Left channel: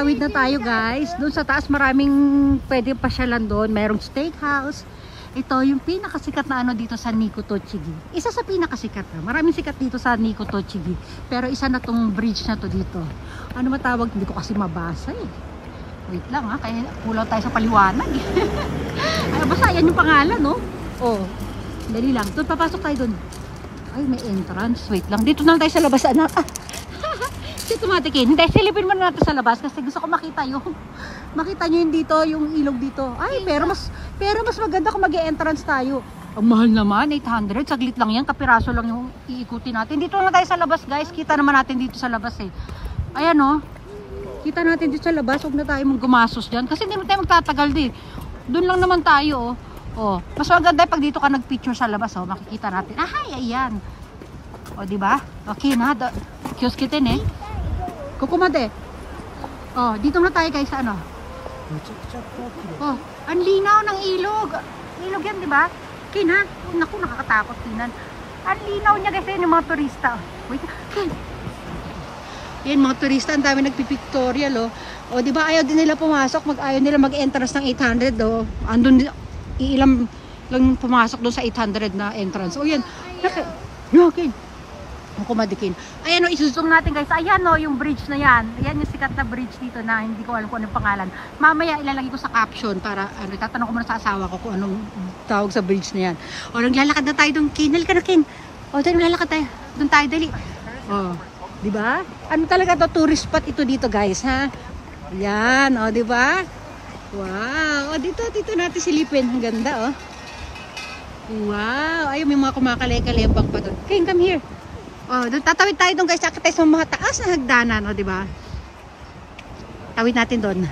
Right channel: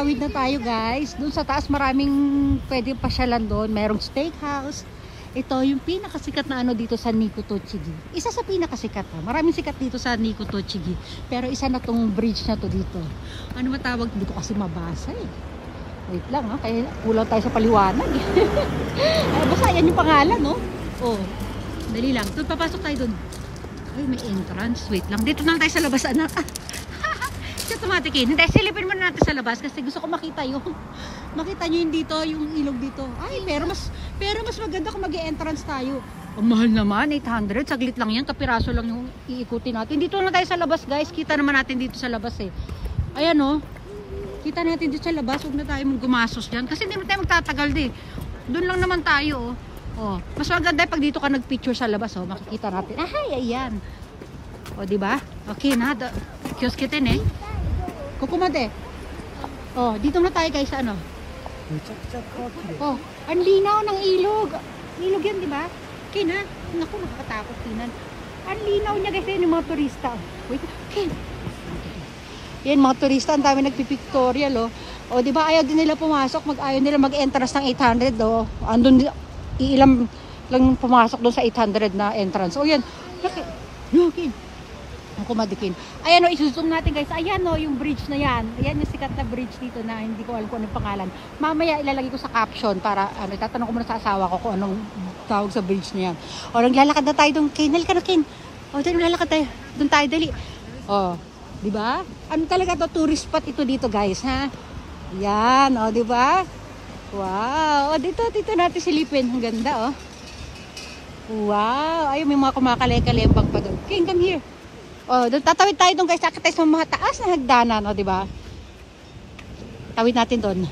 Tawid na tayo guys. Doon sa taas maraming pwede pasyalan doon. Merong steakhouse. Ito yung pinakasikat na ano dito sa Nikko Tochigi. Isa sa pinakasikat ha. Maraming sikat dito sa Nikko Tochigi. Pero isa na tong bridge na to dito. Ano matawag? Hindi ko kasi mabasa eh. Wait lang ha. Kaya kulang tayo sa paliwanag. Ay, basta yan yung pangalan no. Oh. Dali lang. Doon papasok tayo doon. Ay may entrance. Wait lang. Dito na tayo sa labas anak. Tumatikin. Hindi, silipin muna natin sa labas kasi gusto ko makita yung makita nyo yung dito, yung ilog dito. Ay, pero mas maganda kung mag-e-entrance tayo. Ang mahal naman, 800. Saglit lang yan, kapiraso lang yung iikutin natin. Dito na tayo sa labas, guys. Kita naman natin dito sa labas eh. Ayan oh. Kita natin dito sa labas. Huwag na tayo gumasos dyan. Kasi hindi na tayo magtatagal din. Doon lang naman tayo oh. Oh, mas maganda pag dito ka nag-picture sa labas oh. Makikita natin. Ay, ayan. O, diba? Okay na. Kiosk kitin eh. Kukumate. Oh, dito na tayo guys ano. Oh, ang linaw ng ilog. Ilog yan, 'di ba? Kina, naku nakakatakot kinan. Ang linaw niya kasi ng mga turista. Wait. Yan mga turista, ang dami nagpipictorial oh. Oh, 'di ba ayaw din nila pumasok, ayaw nila mag-entrance ng 800 oh. Andun iilang lang pumasok doon sa 800 na entrance. Oh, yan. Okay. Kumadikin. Ayan o, isuzoom natin guys. Ayan o, yung bridge na yan. Ayan yung sikat na bridge dito na hindi ko alam kung anong pangalan. Mamaya ilalagay ko sa caption para ano, tatanong ko muna sa asawa ko kung anong tawag sa bridge na yan. O, naglalakad na tayo doon. Ken, halika na Ken. O, tayo naglalakad tayo. Doon tayo, dali. O, diba? Ano talaga to? Tourist spot ito dito guys, ha? Ayan, o, diba? Wow. O, dito natin silipin. Ang ganda, o. Wow. Ayun, may mga kumakale-kalempang pa doon. Ken, come here. Oh, doon tatawid tayo doon guys, sakit tayo sa mga taas na hagdanan, oh, di ba? Tawid natin doon.